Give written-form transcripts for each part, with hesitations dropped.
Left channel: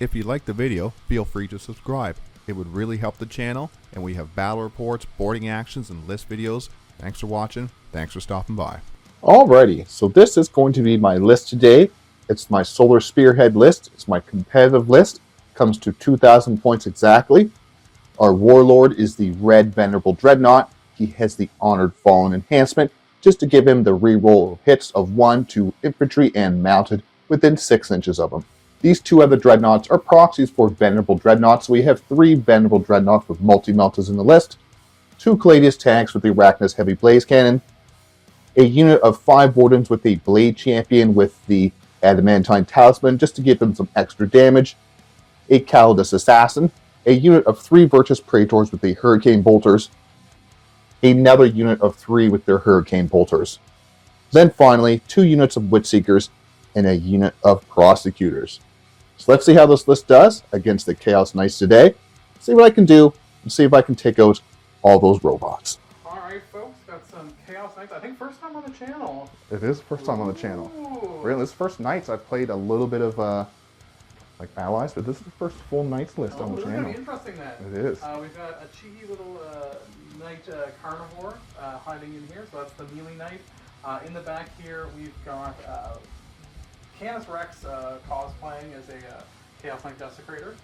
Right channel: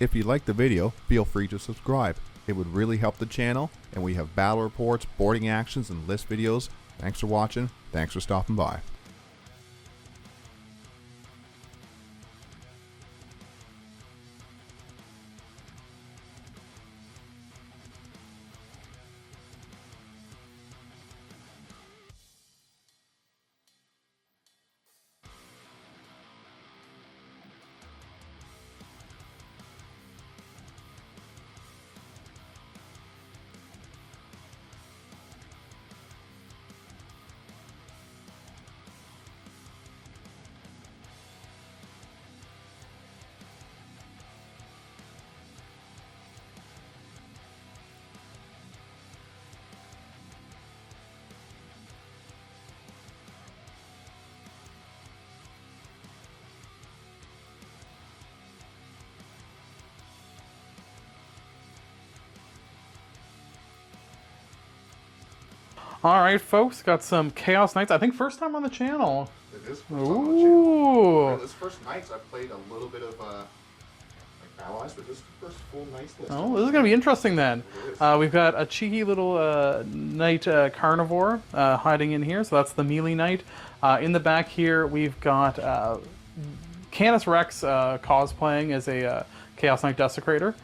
If you liked the video, feel free to subscribe. It would really help the channel, and we have battle reports, boarding actions, and list videos. Thanks for watching. Thanks for stopping by. Alrighty, so this is going to be my list today. It's my Solar Spearhead list. It's my competitive list. Comes to 2,000 points exactly. Our Warlord is the red Venerable Dreadnought. He has the Honored Fallen enhancement, just to give him the reroll hits of 1 to infantry and mounted within 6 inches of him. These two other Dreadnoughts are proxies for Venerable Dreadnoughts. We have 3 Venerable Dreadnoughts with multi-meltas in the list, 2 Caladius tanks with the Arachnus Heavy Blaze Cannon, a unit of 5 Wardens with the Blade Champion with the Adamantine Talisman, just to give them some extra damage, a Calidus Assassin, a unit of 3 Virtus Praetors with the Hurricane Bolters, another unit of 3 with their Hurricane Bolters. Then finally, 2 units of Witchseekers and a unit of Prosecutors. So let's see how this list does against the Chaos Knights today. See what I can do, and see if I can take out all those robots. Alright folks, got some Chaos Knights. I think first time on the channel. It is first time on the channel. Really, this first Knights, I've played a little bit of like allies, but this is the first full Knights list. Oh, this is going to be interesting then. It is. We've got a cheeky little Knight Carnivore hiding in here, so that's the melee Knight. In the back here, we've got Canis Rex cosplaying as a Chaos Knight Desecrator.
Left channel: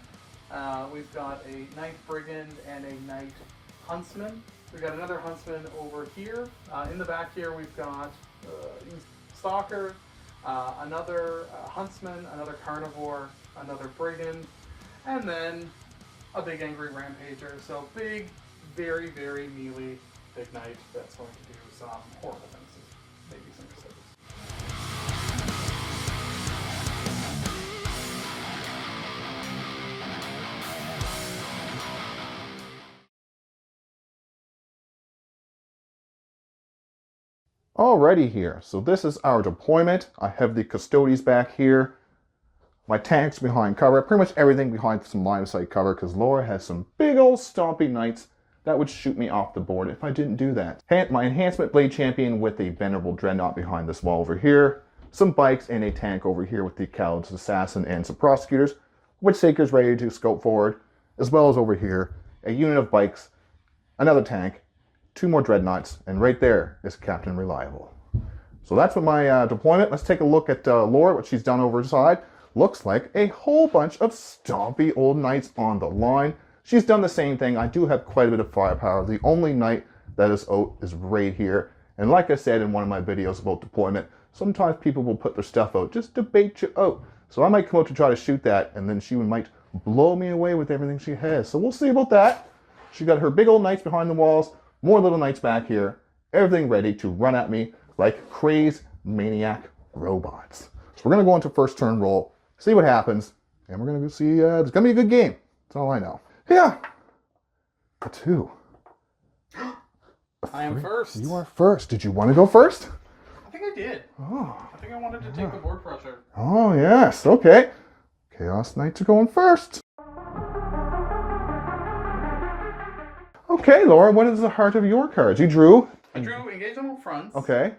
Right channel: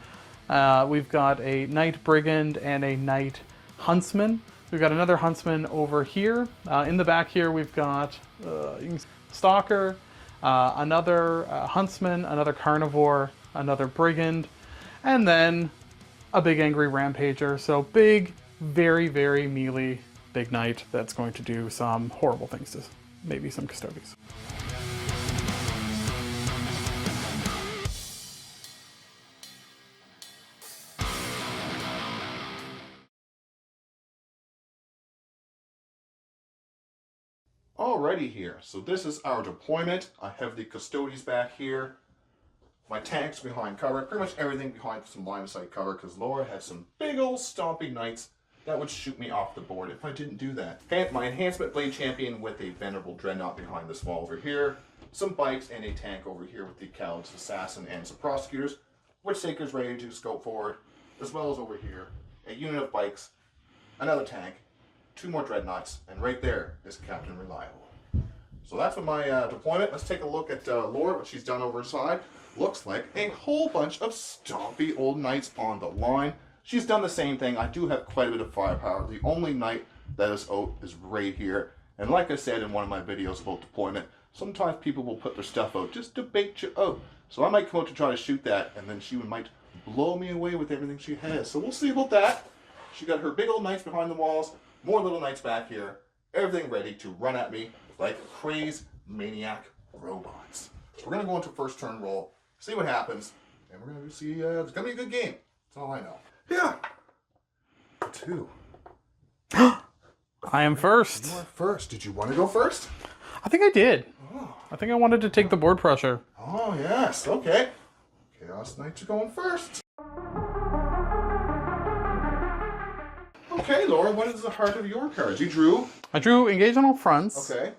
We've got a Knight Brigand and a Knight Huntsman. We've got another Huntsman over here. In the back here, we've got Stalker, another Huntsman, another Carnivore, another Brigand, and then a big Angry Rampager. So big, very, very melee big Knight that's going to do some horrible things to maybe some Custodes. Alrighty here, so this is our deployment. I have the Custodes back here, my tanks behind cover, pretty much everything behind some line of sight cover, because Laura has some big old stompy Knights that would shoot me off the board if I didn't do that. My Enhancement Blade Champion with a Venerable Dreadnought behind this wall over here, some bikes and a tank over here with the Calidus Assassin and some Prosecutors, Witchseekers ready to scope forward, as well as over here, a unit of bikes, another tank, 2 more Dreadnoughts, and right there is Captain Reliable. So that's what my deployment. Let's take a look at Laura, what she's done over the side. Looks like a whole bunch of stompy old Knights on the line. She's done the same thing. I do have quite a bit of firepower. The only Knight that is out is right here. And like I said in one of my videos about deployment, sometimes people will put their stuff out just to bait you out. So I might come out to try to shoot that, and then she might blow me away with everything she has. So we'll see about that. She got her big old Knights behind the walls, more little Knights back here, everything ready to run at me like crazed maniac robots. So we're going to go into first turn roll, see what happens, and we're going to see, it's going to be a good game. That's all I know. Yeah. A 2. I am first. You are first. Did you want to go first? I think I did. Oh. I think I wanted to take the board pressure. Oh, yes. Okay. Chaos Knights are going first. Okay, Laura, what is the heart of your cards? You drew? I drew Engage on All Fronts. Okay.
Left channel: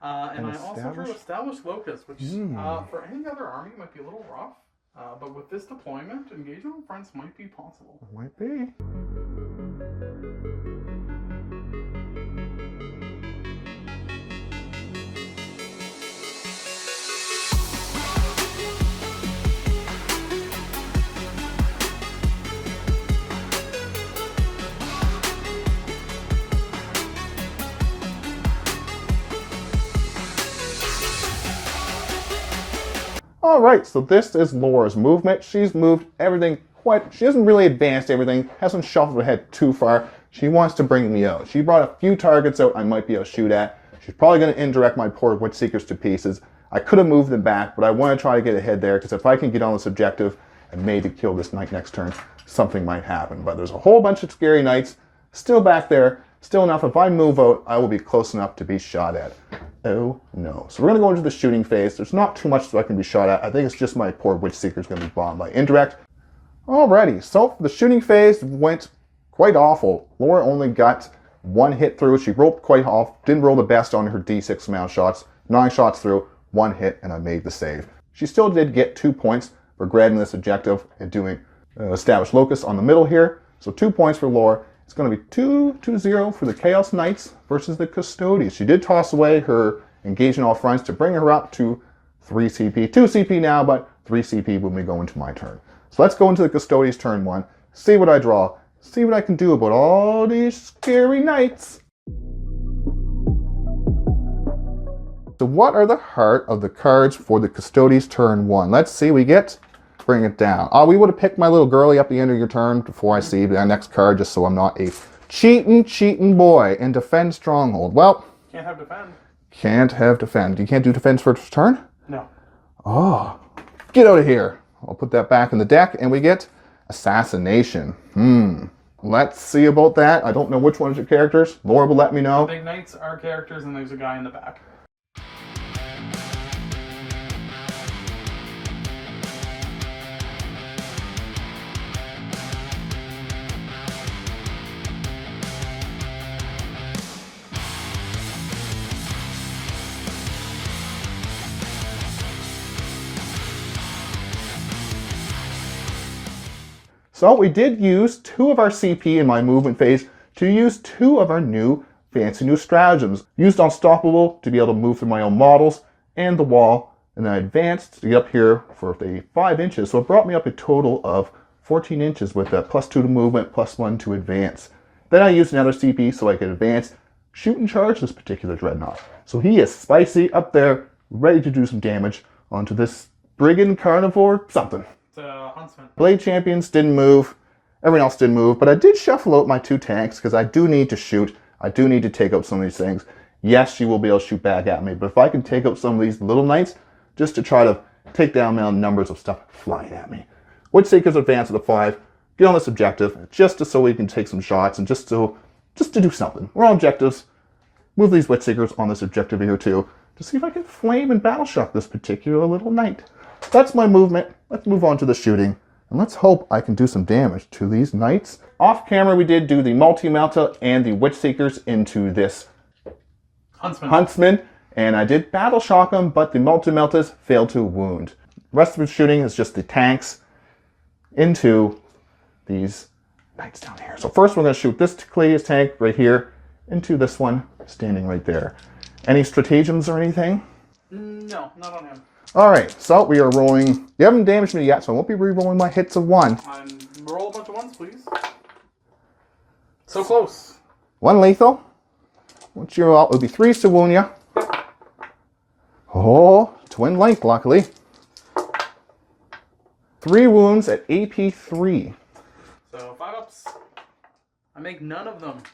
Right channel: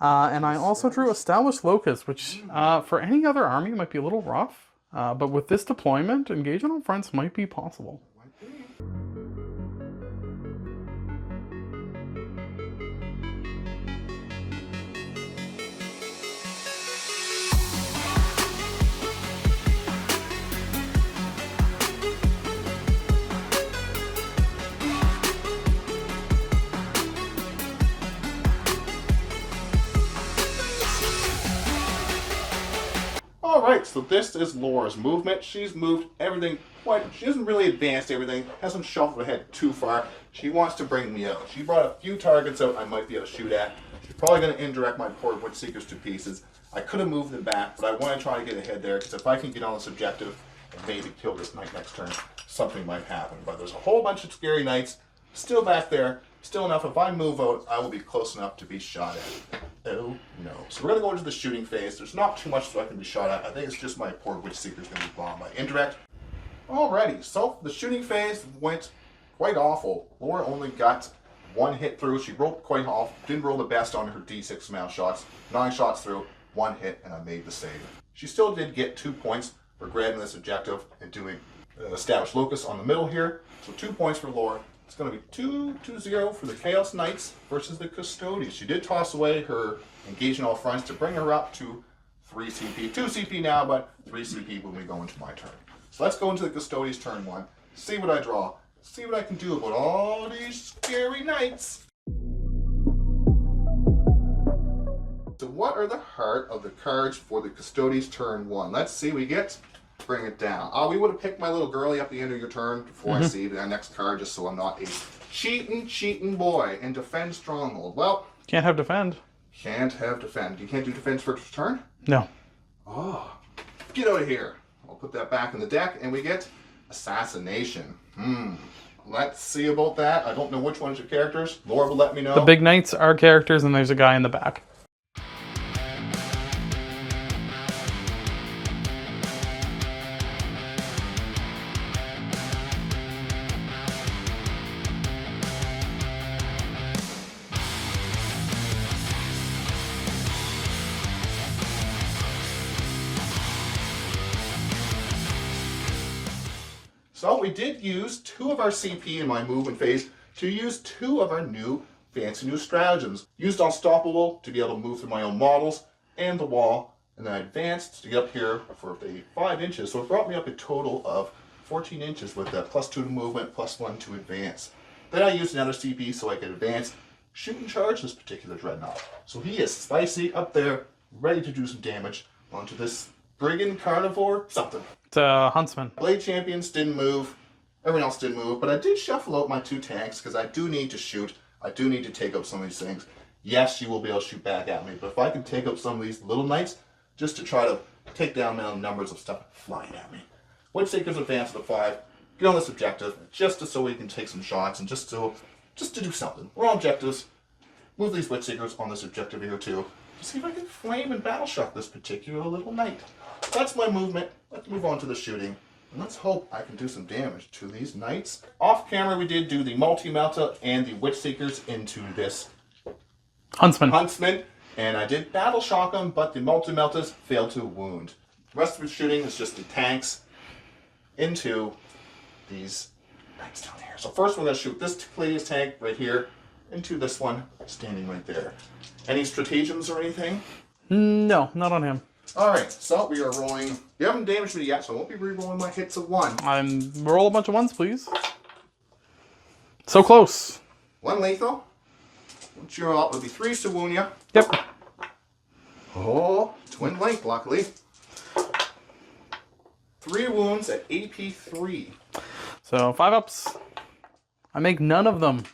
And I also drew Established Locust, which for any other army might be a little rough. But with this deployment, Engage on All Fronts might be possible. Might be. Alright, so this is Laura's movement. She's moved everything she hasn't really advanced everything, hasn't shuffled ahead too far. She wants to bring me out. She brought a few targets out I might be able to shoot at. She's probably going to indirect my poor Witchseekers to pieces. I could have moved them back, but I want to try to get ahead there, because if I can get on this objective and maybe kill this Knight next turn, something might happen. But there's a whole bunch of scary Knights still back there, still enough. If I move out, I will be close enough to be shot at. Oh no. So we're going to go into the shooting phase. There's not too much that I can be shot at. I think it's just my poor Witchseeker's going to be bombed by indirect. Alrighty, so the shooting phase went quite awful. Laura only got 1 hit through. She rolled quite off. Didn't roll the best on her D6 amount of shots. 9 shots through, 1 hit, and I made the save. She still did get 2 points for grabbing this objective and doing Establish Locus on the middle here. So 2 points for Laura. It's going to be 2-0 for the Chaos Knights versus the Custodes. She did toss away her engaging all fronts to bring her up to 3 CP. 2 CP now, but 3 CP when we go into my turn. So let's go into the Custodes turn 1. See what I draw. See what I can do about all these scary knights. So what are the heart of the cards for the Custodes turn 1? Let's see, we get, bring it down. We would have picked my little girlie up the end of your turn before I see the next card, just so I'm not a cheating boy and defend stronghold. Well, Can't have defend. can't have defend. You can't do defense first turn? No. Oh, get out of here. I'll put that back in the deck and we get Assassination. Let's see about that. I don't know which one's your characters. Laura will let me know. The big knights are characters, and there's a guy in the back. So we did use 2 of our CP in my movement phase to use 2 of our new fancy new stratagems. Used Unstoppable to be able to move through my own models and the wall, and then I advanced to get up here for the 5 inches. So it brought me up a total of 14 inches with a +2 to movement, +1 to advance. Then I used another CP so I could advance, shoot and charge this particular Dreadnought. So he is spicy up there, ready to do some damage onto this Brigand Carnivore something. It's a Huntsman. Blade Champions didn't move. Everyone else didn't move. But I did shuffle out my 2 tanks because I do need to shoot. I do need to take out some of these things. Yes, she will be able to shoot back at me. But if I can take out some of these little knights just to try to take down the numbers of stuff flying at me. Witchseekers advance to the 5. Get on this objective just so we can take some shots and just to do something. We're on objectives. Move these Witchseekers on this objective here too to see if I can flame and battle shock this particular little knight. That's my movement. Let's move on to the shooting. And let's hope I can do some damage to these knights. Off camera, we did do the Multi-Melta and the Witchseekers into this Huntsman. And I did battle shock them, but the Multi-Meltas failed to wound. The rest of the shooting is just the tanks into these knights down here. So first we're going to shoot this Clay's tank right here into this one standing right there. Any stratagems or anything? No, not on him. Alright, so we are rolling. You haven't damaged me yet, so I won't be re-rolling my hits of 1. Roll a bunch of 1s, please. So close. 1 lethal. Once you're out, it'll be 3s to wound you. Yep. Oh, twin length, luckily. 3 wounds at AP 3. So 5 ups. I make none of them.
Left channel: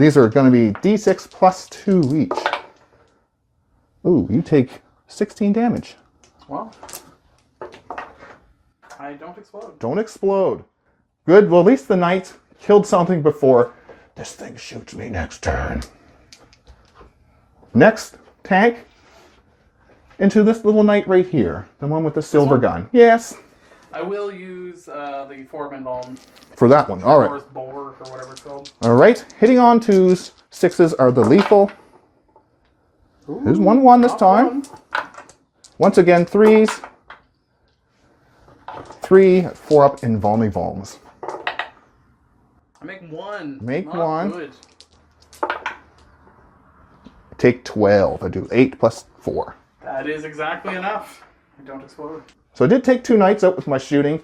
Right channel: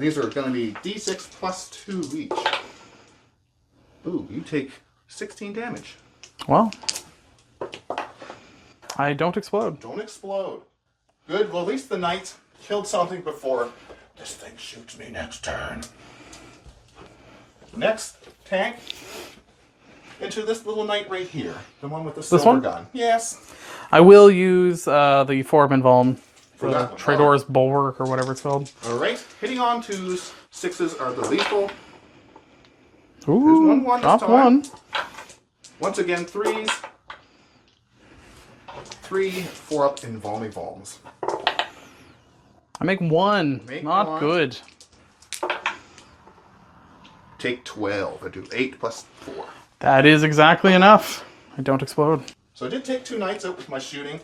These are going to be D6 plus 2 each. Ooh, you take 16 damage. Well, I don't explode. Don't explode. Good. Well, at least the knight killed something before this thing shoots me next turn. Next tank into this little knight right here. The one with the silver gun. Yes. I will use the Forbin Valm. For that one. Tridor's Bulwark or whatever it's called. All right. Hitting on 2s. 6s are the lethal. Ooh, There's 1-1 this time. 1. Once again, 3s. 3, 4 up in Valmy Valms. I make 1. Make Not 1. good. Take 12. I do 8 plus 4. That is exactly enough. I don't explode. So I did take 2 knights out with my shooting.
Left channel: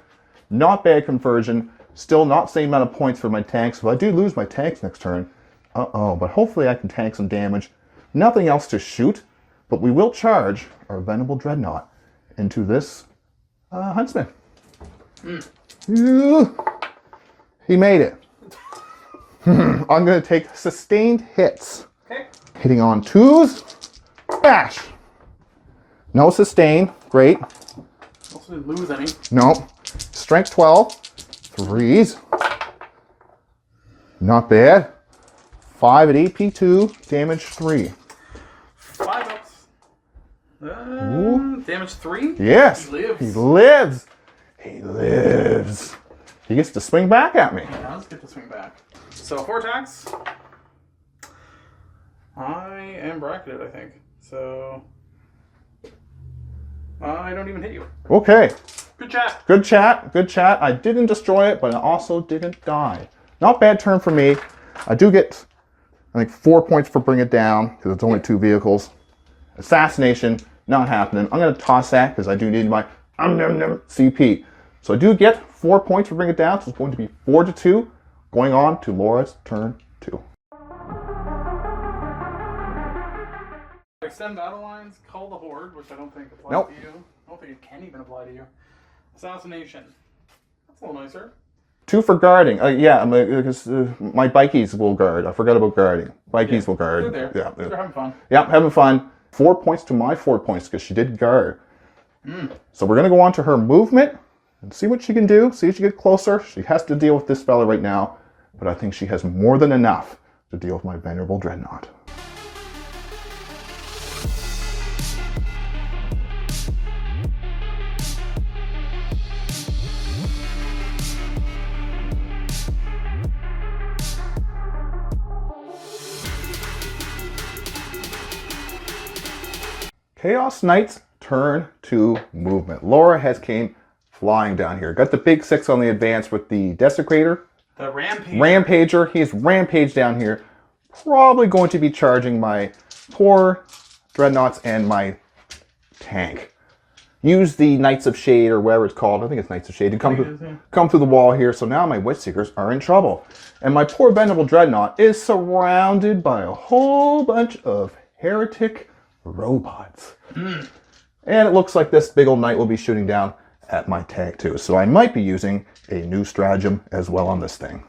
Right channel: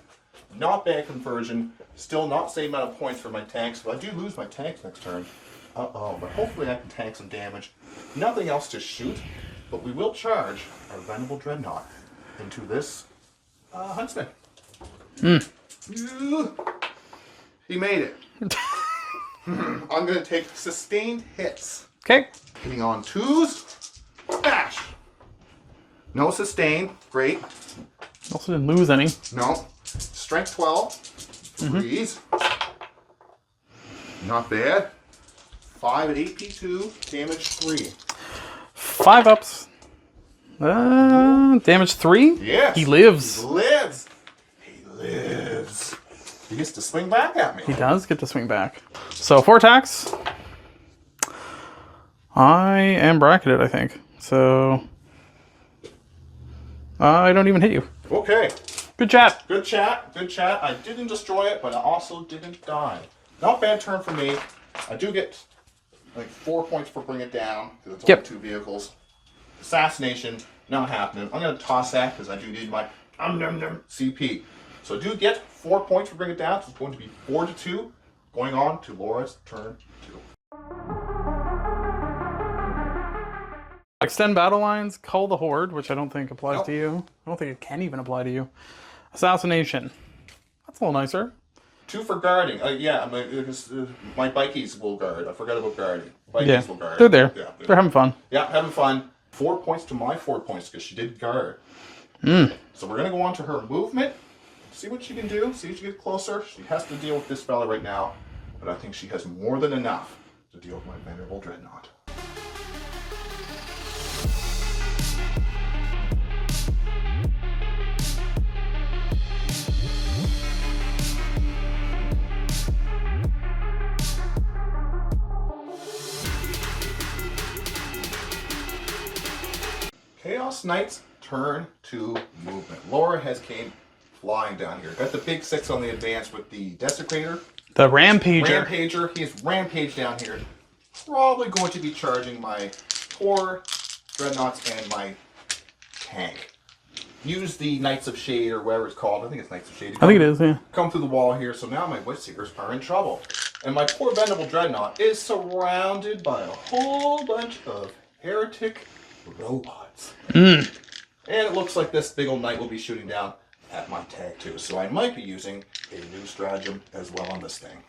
Not bad conversion. Still not same amount of points for my tanks. If I do lose my tanks next turn, but hopefully I can tank some damage. Nothing else to shoot, but we will charge our Venerable Dreadnought into this Huntsman. He made it. I'm going to take sustained hits. Okay. Hitting on 2s. Bash. No sustain. Great. Also didn't lose any. No. Strength 12. 3s. Not bad. 5 at AP 2. Damage 3. 5 ups. Damage 3? Yes. He lives. He lives. He lives. he gets to swing back at me. He does get to swing back. So 4 attacks. I am bracketed, I think. So I don't even hit you. Okay. Good chat. Good chat. Good chat. I didn't destroy it, but I also didn't die. Not bad turn for me. I do get, I think, 4 points for bring it down, because it's only 2 vehicles. Assassination, not happening. I'm going to toss that, because I do need my CP. So I do get 4 points for bring it down, so it's going to be 4-2. Going on to Laura's turn 2. Extend battle lines, cull the horde, which I don't think applies to you. I don't think it can even apply to you. Assassination. That's a little nicer. 2 for guarding. Yeah, because my bikies will guard. I forgot about guarding. Bikies will guard. They're there. Yeah, they're having fun. Yeah, having fun. 4 points to my 4 points because she did guard. So we're going to go on to her movement and see what she can do. See if she gets closer. She has to deal with this fella right now, but I think she has more than enough to deal with my Venerable Dreadnought. Chaos Knights turn to movement. Laura has came flying down here. Got the big 6 on the advance with the Desecrator. The Rampager. Rampager. He's rampaged down here. Probably going to be charging my poor Dreadnoughts and my tank. Use the Knights of Shade, or whatever it's called. I think it's Knights of Shade. I think it is, yeah. Come through the wall here. So now my Witchseekers are in trouble. And my poor Venerable Dreadnought is surrounded by a whole bunch of heretic robots. And it looks like this big old knight will be shooting down at my tank too. So I might be using a new stratagem as well on this thing.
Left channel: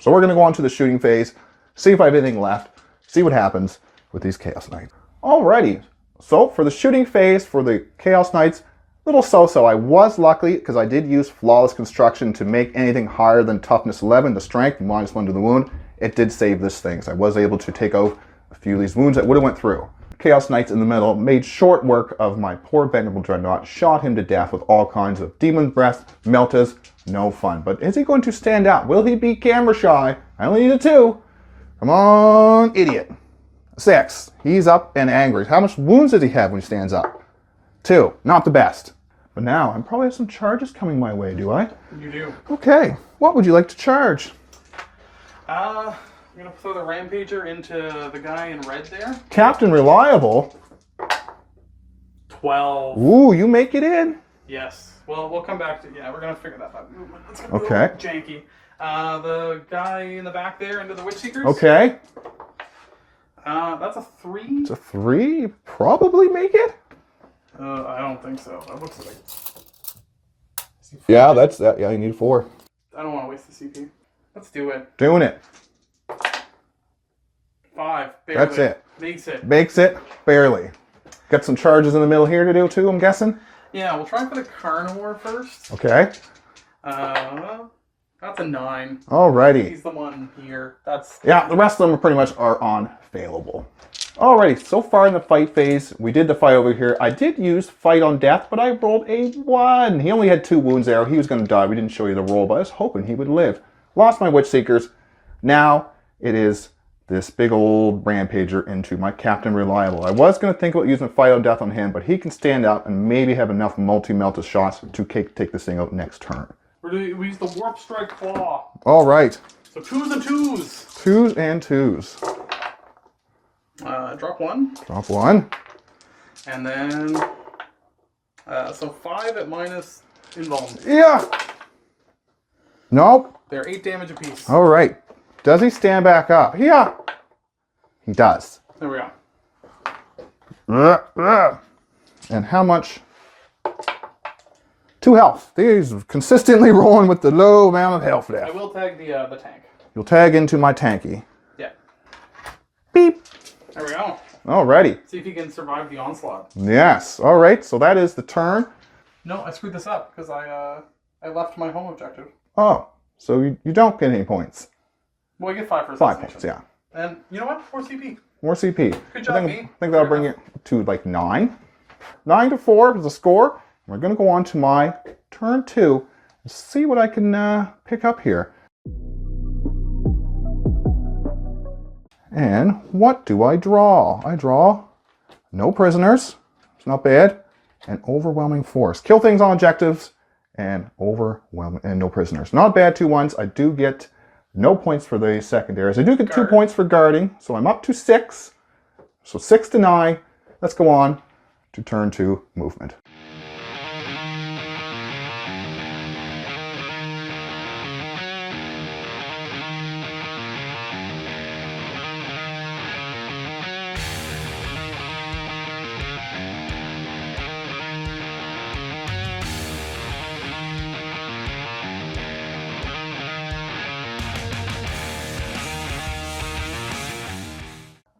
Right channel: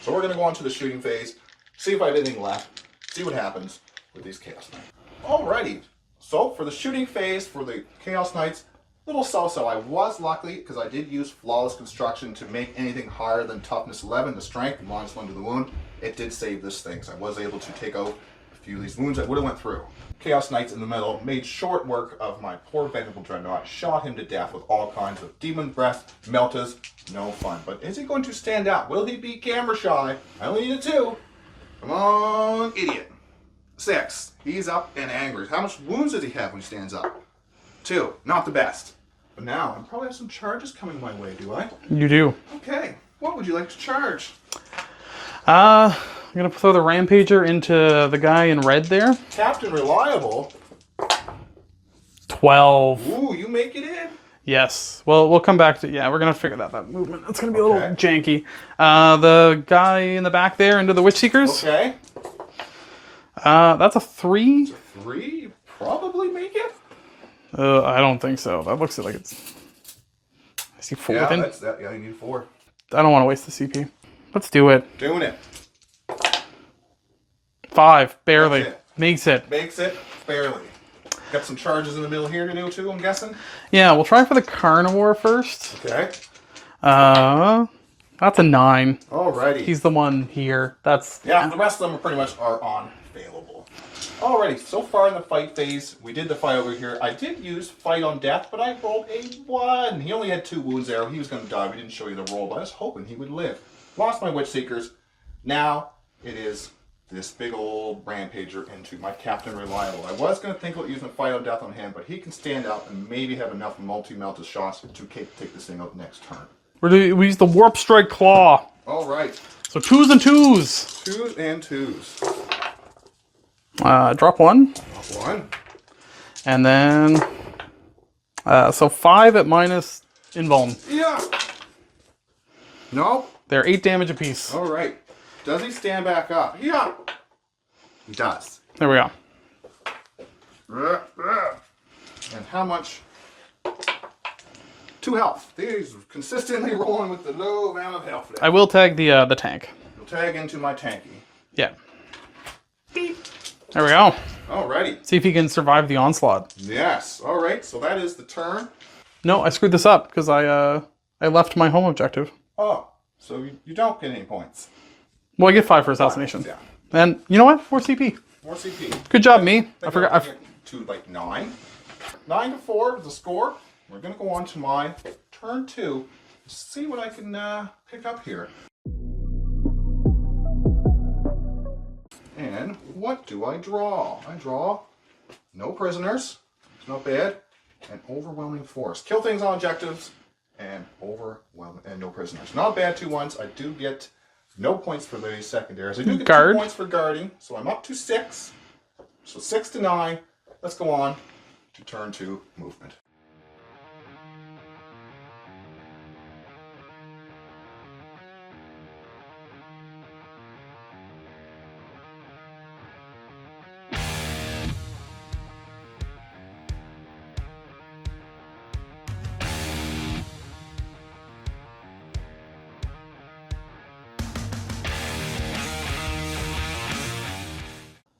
So we're going to go on to the shooting phase, see if I have anything left, see what happens with these Chaos Knights. Alrighty, so for the shooting phase for the Chaos Knights, little so-so. I was lucky because I did use Flawless Construction to make anything higher than Toughness 11, the strength, -1 to the wound. It did save this thing, so I was able to take out a few of these wounds that would have went through. Chaos Knights in the middle made short work of my poor Venerable Dreadnought, shot him to death with all kinds of Demon Breath, Meltas, no fun. But is he going to stand out? Will he be camera shy? I only need a 2. Come on, idiot. 6. He's up and angry. How much wounds does he have when he stands up? 2. Not the best. But now, I probably have some charges coming my way, do I? You do. Okay. What would you like to charge? I'm going to throw the Rampager into the guy in red there. Captain Reliable. 12. Ooh, you make it in. Yes. Well, we'll come back to... Yeah, we're going to figure that movement. It's going to be a little janky. The guy in the back there into the Witchseekers. Okay. That's a 3. It's a 3. Probably make it. I don't think so. That looks like it's... I see 4. Yeah, that's that. Yeah, you need 4. I don't want to waste the CP. Let's do it. Doing it. 5. Barely. That's it. Makes it. Makes it. Barely. Got some charges in the middle here to do too, I'm guessing? Yeah, we'll try for the Carnivore first. Okay. That's a 9. Alrighty. He's the one here. That's... Yeah, the rest of them are pretty much unfailable. Alrighty, so far in the fight phase, we did the fight over here. I did use Fight on Death, but I rolled a 1. He only had 2 wounds there. He was going to die. We didn't show you the roll, but I was hoping he would live. Lost my Witchseekers. Now it is this big old Rampager into my Captain Reliable. I was going to think about using Fight on Death on him, but he can stand out and maybe have enough multi-melted shots to take this thing out next turn. We use the Warp Strike Claw. Alright. So 2s and 2s. 2s and 2s. Drop 1. Drop 1. And then... so 5 at minus invuln. Yeah. Nope. They're 8 damage apiece. Alright. Does he stand back up? Yeah. He does. There we go. And how much? 2 health. He's consistently rolling with the low amount of health there. I will tag the tank. You'll tag into my tanky. Yeah. Beep. There we go. Alrighty. See if he can survive the onslaught. Yes. Alright, so that is the turn. No, I screwed this up because I left my home objective. Oh, so you don't get any points. Well, I get 5 for assassination. 5 points, yeah. And you know what? 4 CP. More CP. Good job, me. I think that'll bring it to like 9. 9 to 4 is the score. We're going to go on to my turn 2 and Let's see what I can pick up here. And what do I draw? I draw no prisoners. It's not bad. And overwhelming force. Kill things on objectives. And overwhelming and no prisoners. Not bad 2-1s. I do get no points for the secondaries. I do get 2 points for guarding. So I'm up to 6. So 6 to 9. Let's go on to turn 2 movement.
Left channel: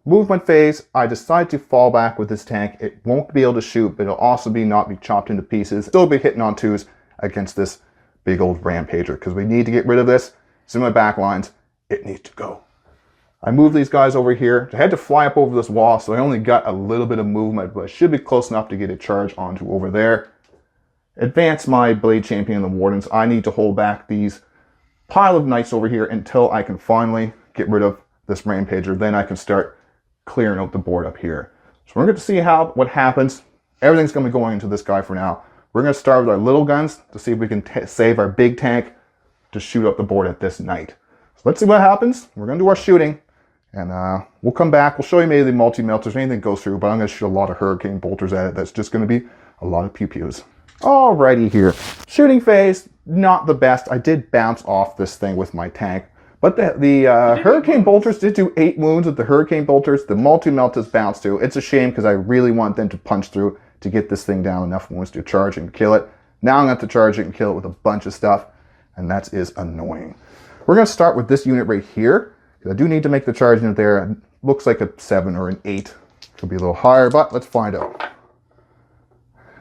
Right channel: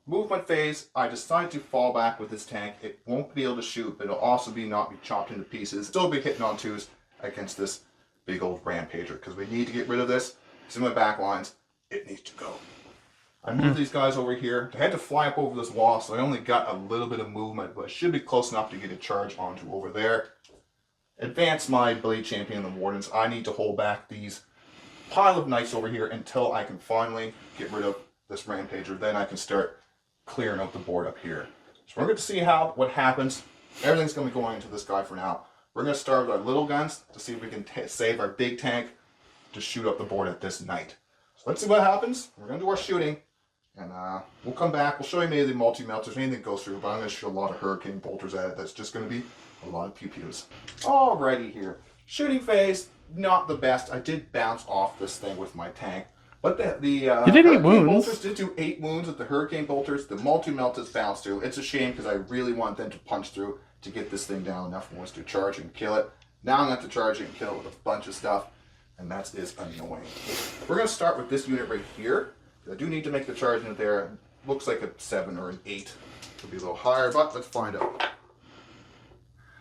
Movement phase, I decide to fall back with this tank. It won't be able to shoot, but it'll also not be chopped into pieces. Still be hitting on 2s against this big old rampager, because we need to get rid of this. It's in my back lines. It needs to go. I move these guys over here. I had to fly up over this wall, so I only got a little bit of movement, but I should be close enough to get a charge onto over there. Advance my Blade Champion and the Wardens. I need to hold back these pile of knights over here until I can finally get rid of this rampager. Then I can start clearing out the board up here. So we're going to see what happens. Everything's going to be going into this guy for now. We're going to start with our little guns to see if we can save our big tank to shoot up the board at this knight. So let's see what happens. We're going to do our shooting, and we'll come back. We'll show you maybe the multi-melters, anything goes through, but I'm going to shoot a lot of hurricane bolters at it. That's just going to be a lot of pew-pews. Alrighty here. Shooting phase, not the best. I did bounce off this thing with my tank. But the Hurricane Bolters did do 8 wounds with the Hurricane Bolters. The multi-melters bounced too. It's a shame because I really want them to punch through to get this thing down enough wounds to charge and kill it. Now I'm going to have to charge it and kill it with a bunch of stuff, and that is annoying. We're going to start with this unit right here, because I do need to make the charge unit there. It looks like a 7 or an 8. Could be a little higher, but let's find out.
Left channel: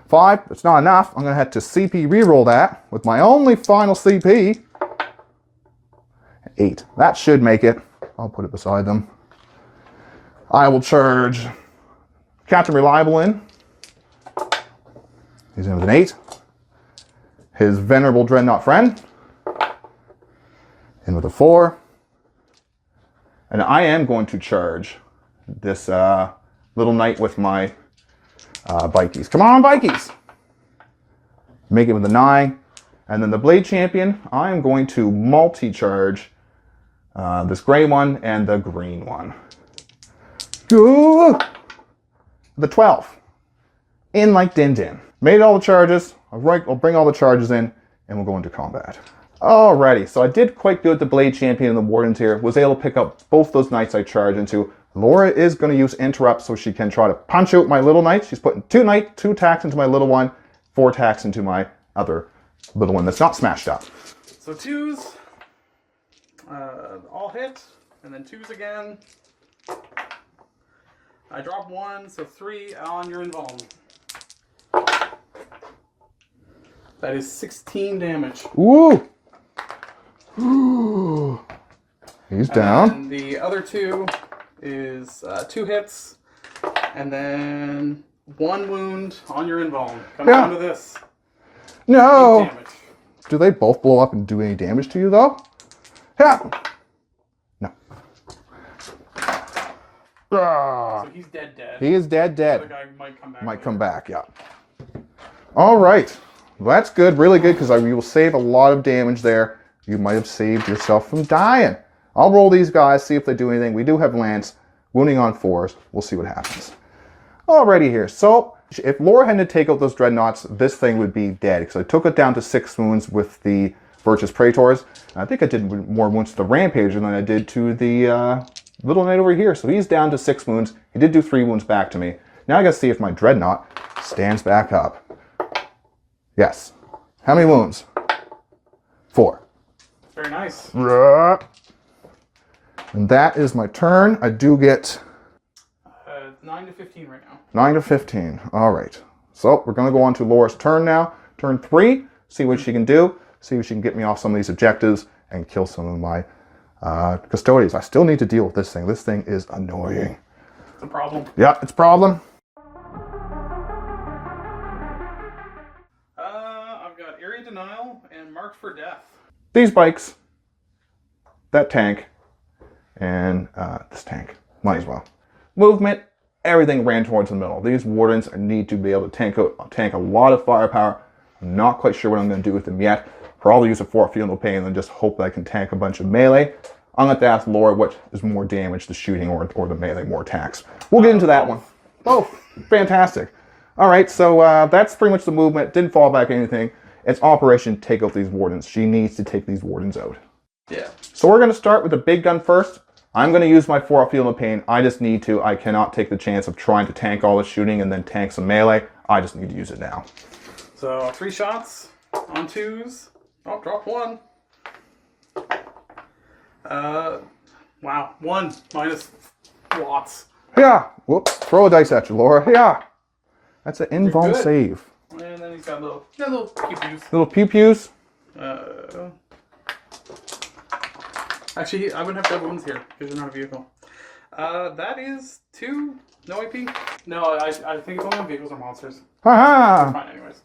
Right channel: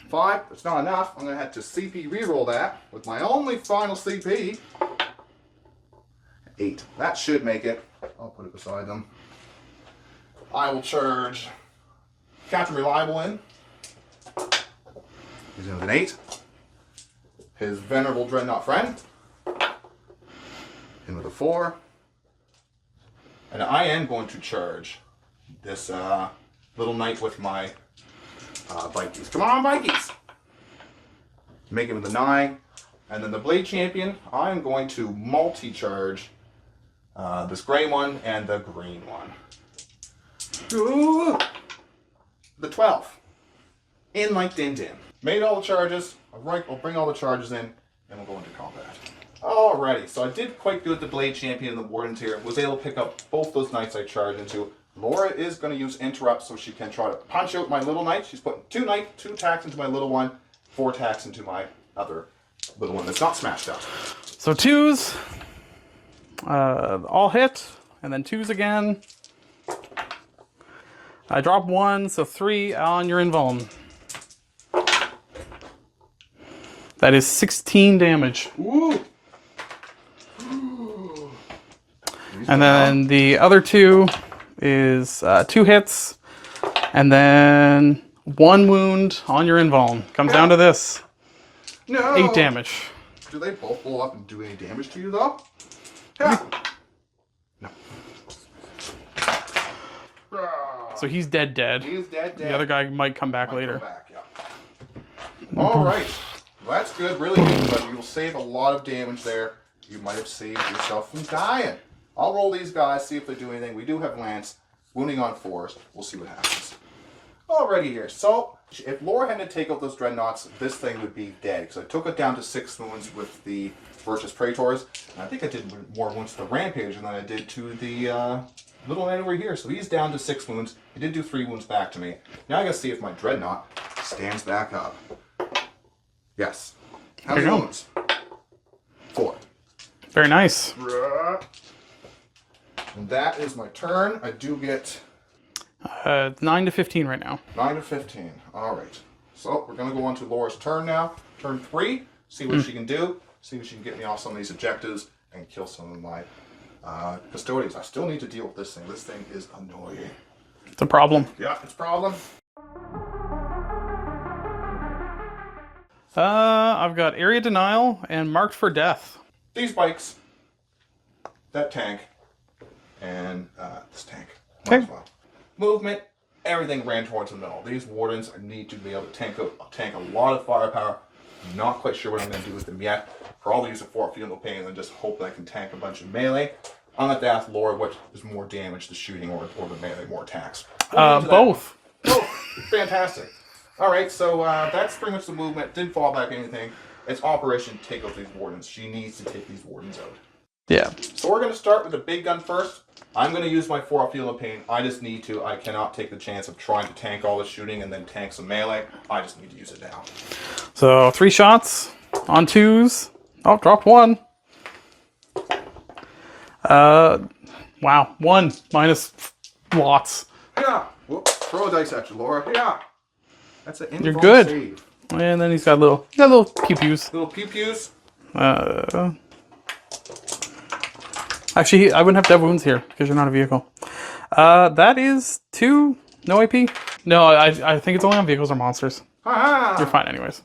5, it's not enough. I'm going to have to CP reroll that with my only final CP. 8. That should make it. I'll put it beside them. I will charge Captain Reliable in. He's in with an 8. His Venerable Dreadnought friend. In with a 4. And I am going to charge this little knight with my bikies. Come on, bikies! Make it with a 9. And then the Blade Champion, I am going to multi-charge this gray one and the green one. Ooh! The 12. In like Din Din. Made all the charges. I'll bring all the charges in and we'll go into combat. Alrighty, so I did quite good with the Blade Champion and the Wardens here. Was able to pick up both those knights I charged into. Laura is going to use Interrupt so she can try to punch out my little knight. She's putting 2 attacks into my little one, 4 attacks into my other little one that's not smashed up. So 2s. All hit, and then 2s again. I drop 1, so 3 on your invuln. That is 16 damage. Ooh! Ooh. He's and down. Then the other 2 is 2 hits, and then 1 wound on your invuln. Comes down to this. No! 8 damage. Do they both blow up and do any damage to you, though? Yeah. No. So he's dead. He is dead. The other guy might come back later. Might come back, yeah. All right. Well, that's good. Really good, because you will save a lot of damage there. You might have saved yourself from dying. I'll roll these guys, see if they do anything. We do have Lance. Wounding on 4s. We'll see what happens. Alrighty here. So, if Laura had to take out those Dreadnoughts, this thing would be dead. Because I took it down to 6 wounds with the Virtus Praetors. I think I did more wounds to the Rampager than I did to the little knight over here. So he's down to 6 wounds. He did do 3 wounds back to me. Now I gotta see if my Dreadnought stands back up. Yes. How many wounds? 4. Very nice. And that is my turn. I do get 9 to 15 right now. 9 to 15. All right. So we're going to go on to Laura's turn now. Turn 3. See what she can do. See if she can get me off some of these objectives and kill some of my Custodes. I still need to deal with this thing. This thing is annoying. It's a problem. Yeah, it's a problem. I've got Area Denial and Marked for Death. These bikes, that tank, and this tank. Might as well. Movement, everything ran towards the middle. These Wardens need to be able to tank a lot of firepower. I'm not quite sure what I'm going to do with them yet. Probably use a Fort Feel No Pain and then just hope that I can tank a bunch of melee. I'm going to ask Laura what is more damage, the shooting or the melee, more attacks. We'll get into that. Both. Oh, fantastic. All right, so that's pretty much the movement. Didn't fall back anything. It's Operation Take Out These Wardens. She needs to take these Wardens out. Yeah. So we're going to start with the big gun first. I'm going to use my Fort Feel No Pain. I just need to. I cannot take the chance of trying to tank all the shooting and then tank some melee. I just need to use it now. So 3 shots on 2s. Oh, dropped 1. Wow, 1 minus lots. Yeah. Whoop. Throw a dice at you, Laura. Yeah. That's an invuln save. And then he's got little pew-pews. Little pew-pews. Actually, I wouldn't have to have wounds here because you're not a vehicle. That is 2. No AP? No, I think it's only on vehicles or monsters. Ha-ha! You're fine anyways.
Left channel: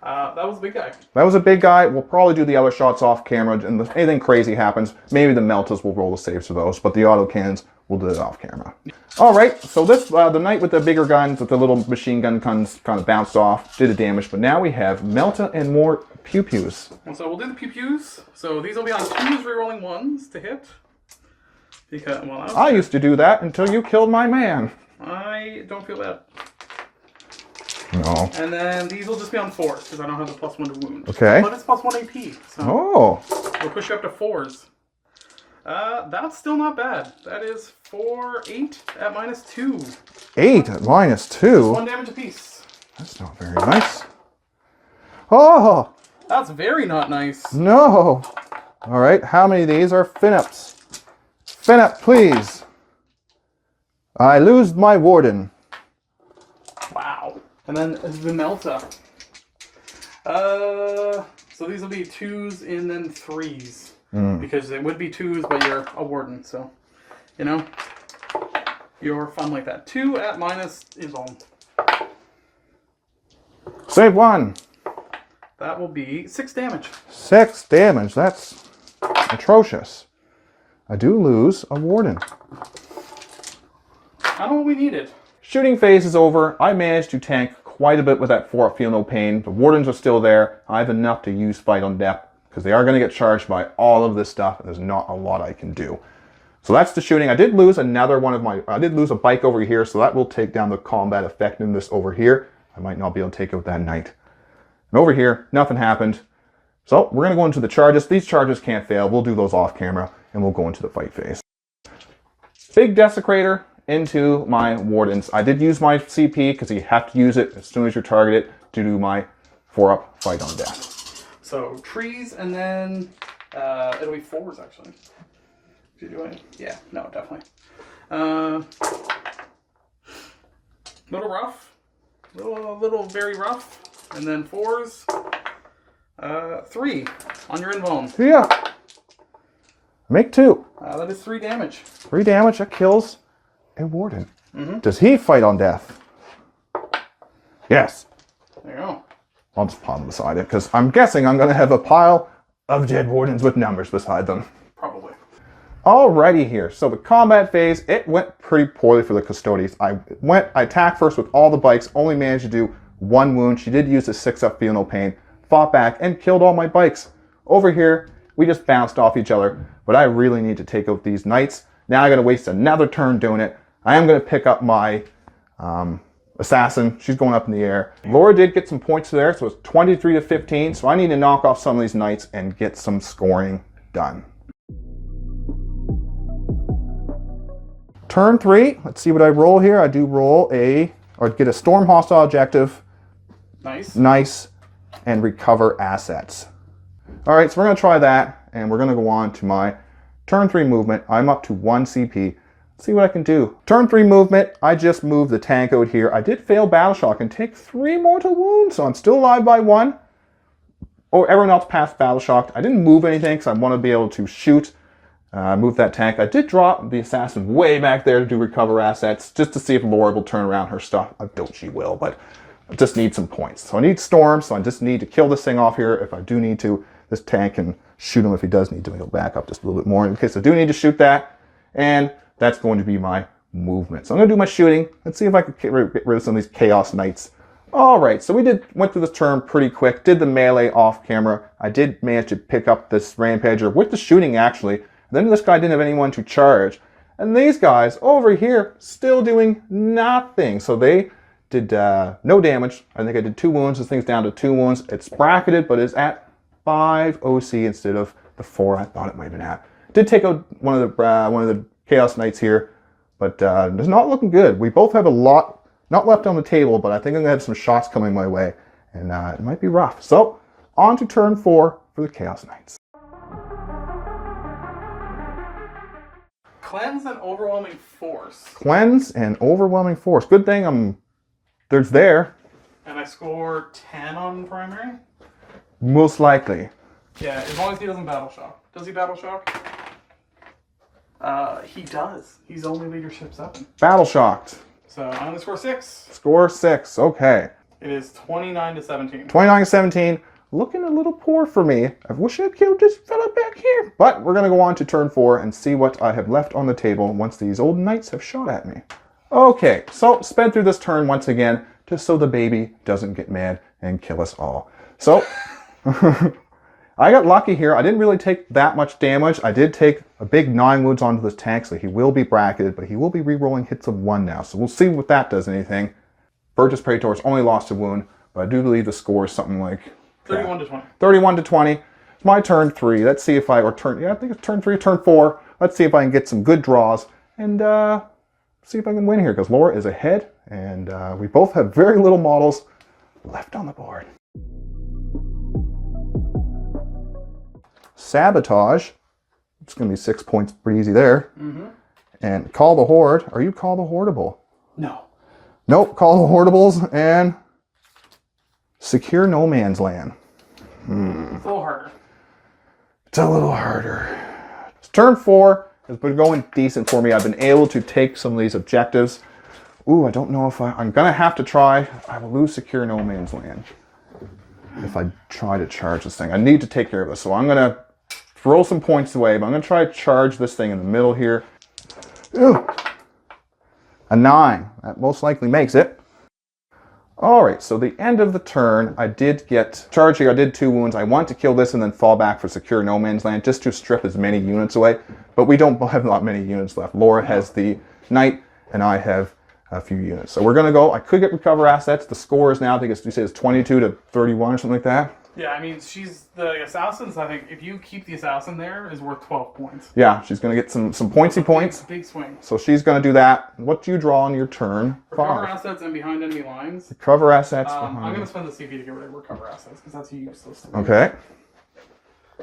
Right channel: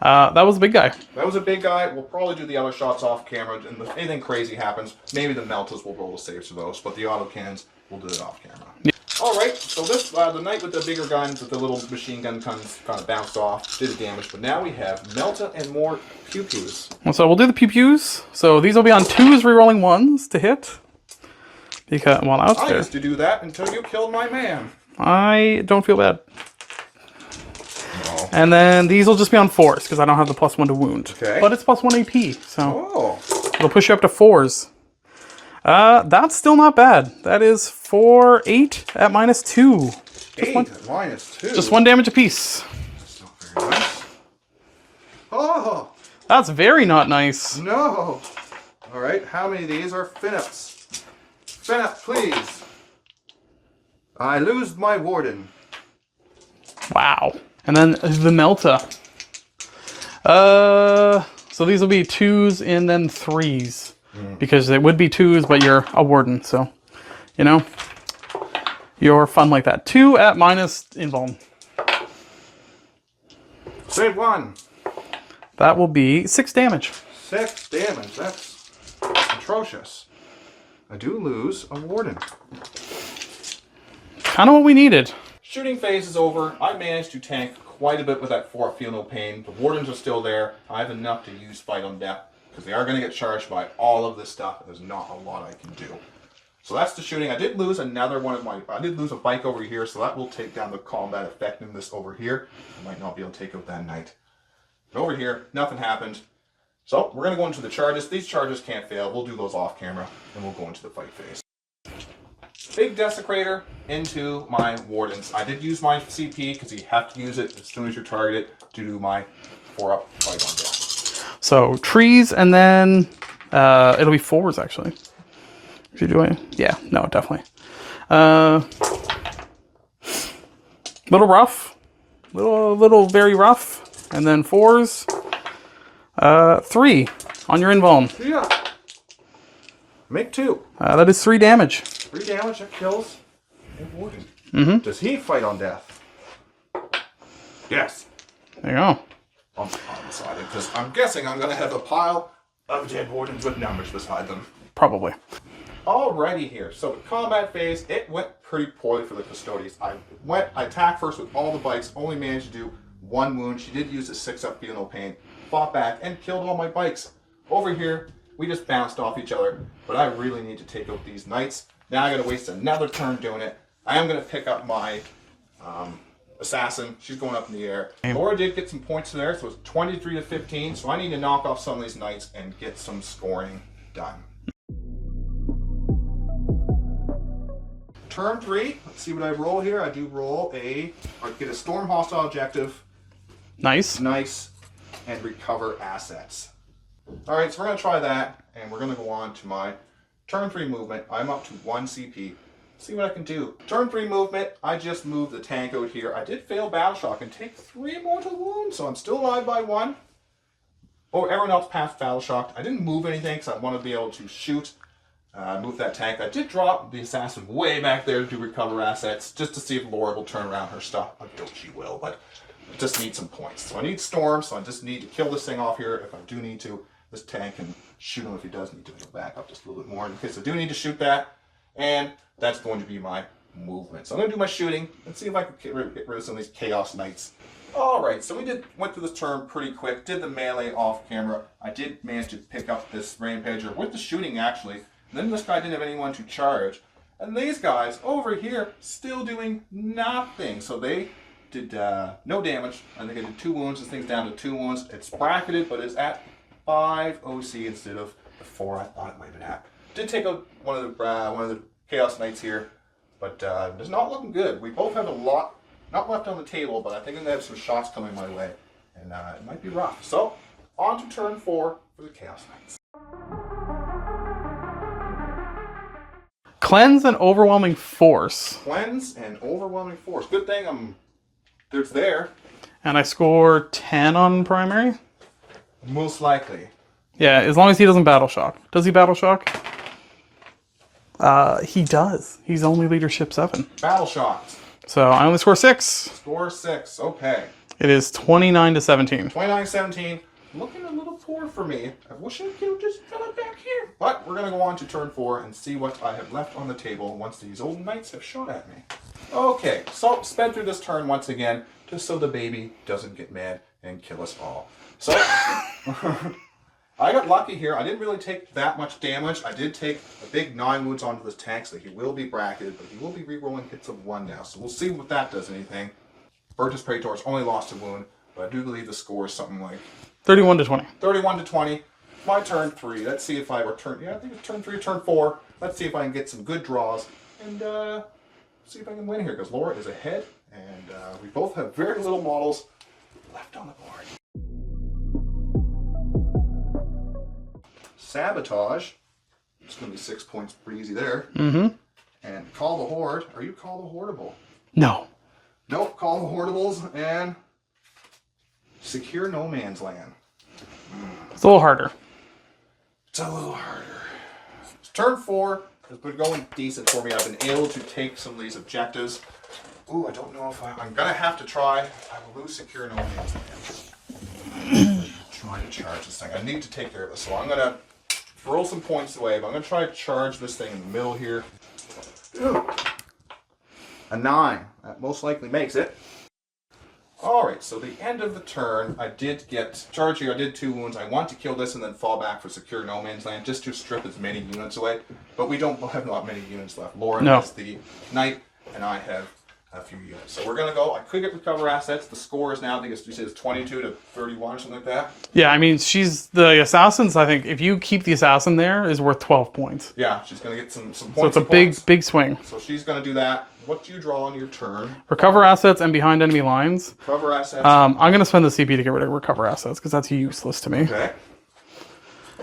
That was a big guy. That was a big guy. We'll probably do the other shots off camera, and if anything crazy happens, maybe the Meltas will roll the saves for those, but the auto cannons, we'll do it off camera. Yeah. All right, so this the knight with the bigger guns, with the little machine gun guns, kind of bounced off, did the damage, but now we have Melta and more pew-pews. So we'll do the pew-pews. So these will be on 2s, rerolling 1s to hit. Because, well, I used to do that until you killed my man. I don't feel bad. No. And then these will just be on 4s because I don't have the +1 to wound. Okay. But it's +1 AP, so it'll push you up to 4s. That's still not bad. That is 4, 8 at -2. 8 at -2? Just 1 damage apiece. That's not very nice. Oh! That's very not nice. No! All right, how many of these are Finups? Finup, please. I lose my Warden. Wow. And then the Melta. So these will be 2s and then 3s. Because they would be 2s, but you're a Warden, so, you know, you're fun like that. 2 at -invuln. Save 1. That will be 6 damage. 6 damage, that's atrocious. I do lose a Warden. Kind of what we needed. Shooting phase is over. I managed to tank quite a bit with that Fort Feel No Pain. The Wardens are still there. I have enough to use Fight on Death because they are going to get charged by all of this stuff, and there's not a lot I can do. So that's the shooting. I did lose another one of my... I did lose a bike over here, so that will take down the combat effectiveness over here. I might not be able to take out that knight. And over here, nothing happened. So we're going to go into the charges. These charges can't fail. We'll do those off camera, and we'll go into the fight phase. Big Desecrator into my Wardens. I did use my CP because you have to use it as soon as you're targeted to do my 4-up Fight on Death. So trees, and then it'll be 4s actually. If you're doing, yeah, no, definitely. Little rough, little very rough, and then 4s. 3 on your invuln. Yeah. Make 2. That is 3 damage. 3 damage. That kills a Warden. Does he Fight on Death? Yes. There you go. I'll just pause beside it because I'm guessing I'm going to have a pile of dead Wardens with numbers beside them. Probably. Alrighty here. So the combat phase, it went pretty poorly for the Custodes. I attacked first with all the bikes, only managed to do 1 wound. She did use the 6-up Feel No Pain, fought back, and killed all my bikes. Over here, we just bounced off each other, but I really need to take out these knights. Now I'm going to waste another turn doing it. I am going to pick up my assassin. She's going up in the air. Laura did get some points there, so it's 23 to 15. So I need to knock off some of these knights and get some scoring done. Turn 3. Let's see what I roll here. I do roll or get a storm hostile objective. Nice. Nice. And recover assets. All right, so we're going to try that, and we're going to go on to my turn 3 movement. I'm up to 1 CP. See what I can do. Turn 3 movement, I just moved the tank out here. I did fail Battle Shock and take 3 mortal wounds, so I'm still alive by 1. Oh, everyone else passed Battle Shock. I didn't move anything because I want to be able to shoot. Move that tank. I did drop the assassin way back there to do recover assets, just to see if Laura will turn around her stuff. I doubt she will, but I just need some points. So I need storm, so I just need to kill this thing off here. If I do need to, this tank can shoot him if he does need to. Go back up just a little bit more in case I do need to shoot that. And that's going to be my movement. So I'm going to do my shooting. Let's see if I can get rid of some of these Chaos Knights. All right, so we went through this turn pretty quick. Did the melee off camera. I did manage to pick up this Rampager with the shooting, actually. Then this guy didn't have anyone to charge. And these guys over here still doing nothing. So they did no damage. I think I did 2 wounds. This thing's down to 2 wounds. It's bracketed, but it's at 5 OC instead of the 4 I thought it might have been at. Did take out one of the Chaos Knights here, but it's not looking good. We both have a lot not left on the table, but I think I'm gonna have some shots coming my way, and it might be rough. So on to turn 4 for the Chaos Knights. Cleanse and Overwhelming Force. Cleanse and Overwhelming Force. Good thing there's there. And I score 10 on primary? Most likely. Yeah, as long as he doesn't Battle Shock. Does he Battle Shock? He does. He's only Leadership 7. Battle Shocked. So I only score 6. Score 6. Okay. It is 29 to 17. 29-17. Looking a little poor for me. I wish I killed this fella back here. But we're going to go on to turn 4 and see what I have left on the table once these old knights have shot at me. Okay, so sped through this turn once again, just so the baby doesn't get mad and kill us all. So, I got lucky here. I didn't really take that much damage. I did take a big 9 wounds onto this tank, so he will be bracketed, but he will be re-rolling hits of 1 now. So we'll see what that does anything. Burgess Praetor's only lost a wound, but I do believe the score is something like 31 to 20. 31 to 20. My turn 3. Let's see if I I think it's turn 3 or turn 4. Let's see if I can get some good draws and see if I can win here, because Laura is ahead, and we both have very little models left on the board. Sabotage. It's going to be 6 points pretty easy there. Mm-hmm. And Call the Horde. Are you Call the Hordeable? No. Nope, Call the Hordeables and Secure No Man's Land. It's a little harder. It's a little harder. Turn 4 has been going decent for me. I've been able to take some of these objectives. Ooh, I don't know if I'm going to have to try. I will lose Secure No Man's Land if I try to charge this thing. I need to take care of this. So I'm going to throw some points away, but I'm going to try to charge this thing in the middle here. Ew. A 9. That most likely makes it. Alright, so the end of the turn, I did get charging. I did 2 wounds. I want to kill this and then fall back for Secure No Man's Land just to strip as many units away. But we don't have not many units left. Laura has the Knight, and I have a few units. So we're going to go. I could get Recover Assets. The score is now, I think you say it's 22 to 31 or something like that. Yeah, I mean, she's the Assassins. I think if you keep the Assassin there, is worth 12 points. Yeah, she's going to get some points. So it's a big swing. So she's going to do that. What do you draw on your turn? Recover Assets and Behind Enemy Lines. Recover Assets. I'm going to spend the CP to get rid of Recover Assets because that's useless to me. Okay.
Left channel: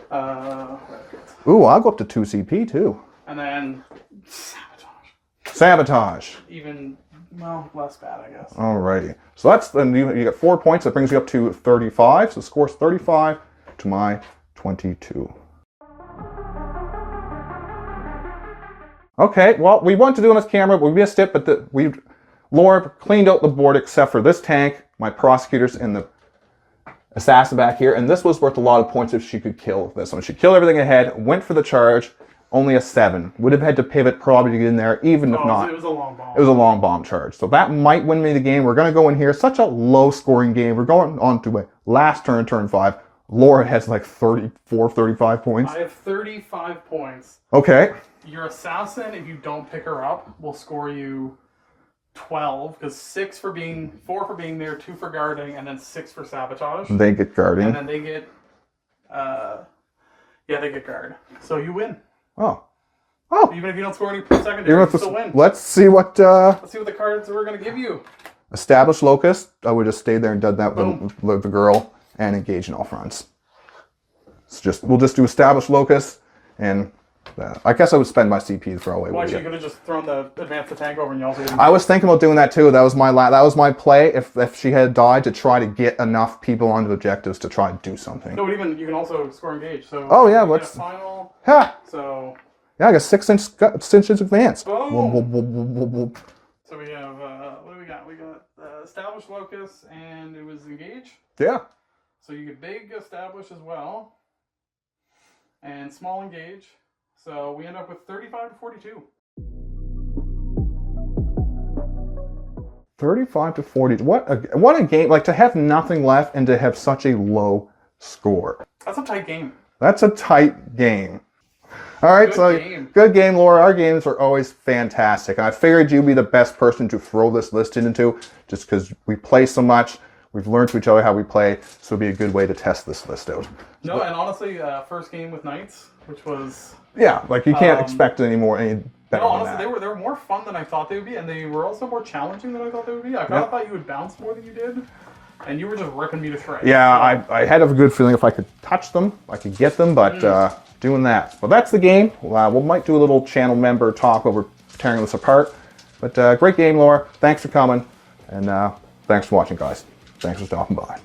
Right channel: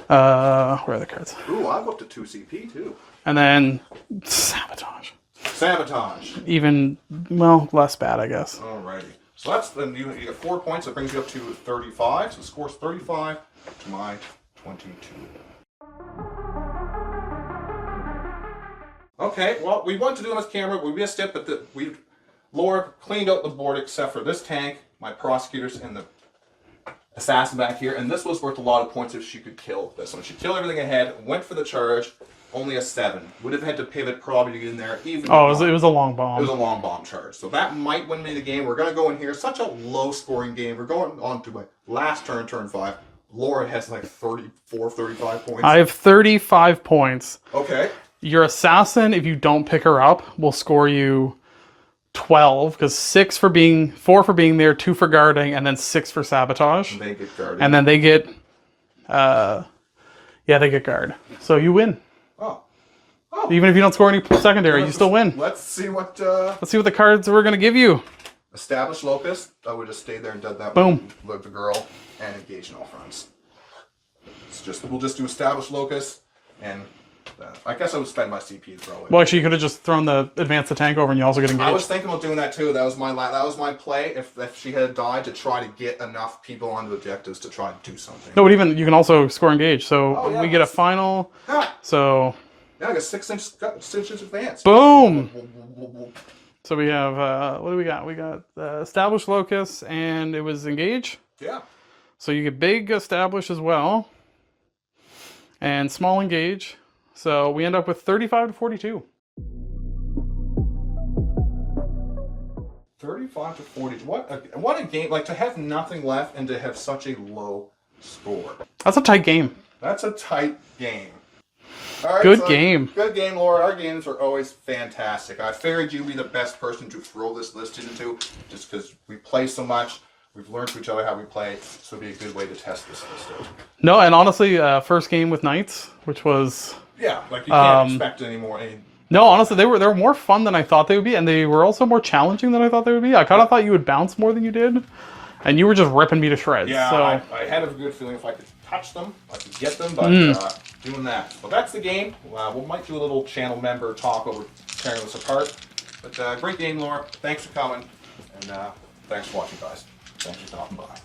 Where are the cards? Ooh, I'll go up to 2 CP too. And then Sabotage. Sabotage. Even, well, less bad, I guess. Alrighty. So that's then you get 4 points. That brings you up to 35. So the score's 35 to my 22. Okay, well, we wanted to do on this camera, but we missed it. But Laura cleaned out the board except for this tank, my prosecutors, and the assassin back here. And this was worth a lot of points if she could kill this one. She killed everything ahead, went for the charge. Only a 7. Would have had to pivot probably to get in there, even if it was a long bomb. It was a long bomb charge. So that might win me the game. We're going to go in here. Such a low-scoring game. We're going on to a last turn, turn 5. Laura has like 34, 35 points. I have 35 points. Okay. Your Assassin, if you don't pick her up, will score you 12, because 4 for being there, 2 for guarding, and then 6 for sabotage. They get guarded. And then they get, they get guard. So you win. Oh. Even if you don't score any secondary, you still win. Let's see what the cards we're going to give you. Establish Locust. I would have stayed there and done that Boom. with the girl, and engage in all fronts. We'll just do Establish Locust, and I guess I would spend my CP to throw away. Well, actually, you could have just thrown the Advance the Tank over, and you also get engaged. I was thinking about doing that too. That was my play. If she had died, to try to get enough people onto objectives to try to do something. No, but even you can also score engage. So we get a final. Ha! So yeah, I got 6 inches advance. Boom. So we have, what do we got? We got established locus, and it was engage. Yeah. So you get big established as well, and small engage. So we end up with 35 to 42. 35 to 40. What a game! Like to have nothing left and to have such a low score. That's a tight game. That's a tight game. All right, Good game. Good game, Laura. Our games are always fantastic. And I figured you'd be the best person to throw this list into, just because we play so much. We've learned to each other how we play, so it'd be a good way to test this list out. No, and honestly, first game with Knights, which was... Yeah, like you can't expect any more. No, honestly, they were more fun than I thought they would be, and they were also more challenging than I thought they would be. I kind of thought you would bounce more than you did, and you were just ripping me to shreds. Yeah, so. I had a good feeling if I could touch them, I could get them, but doing that. Well, that's the game. We might do a little channel member talk over tearing this apart. But great game, Laura. Thanks for coming, and thanks for watching, guys. Thanks for stopping by.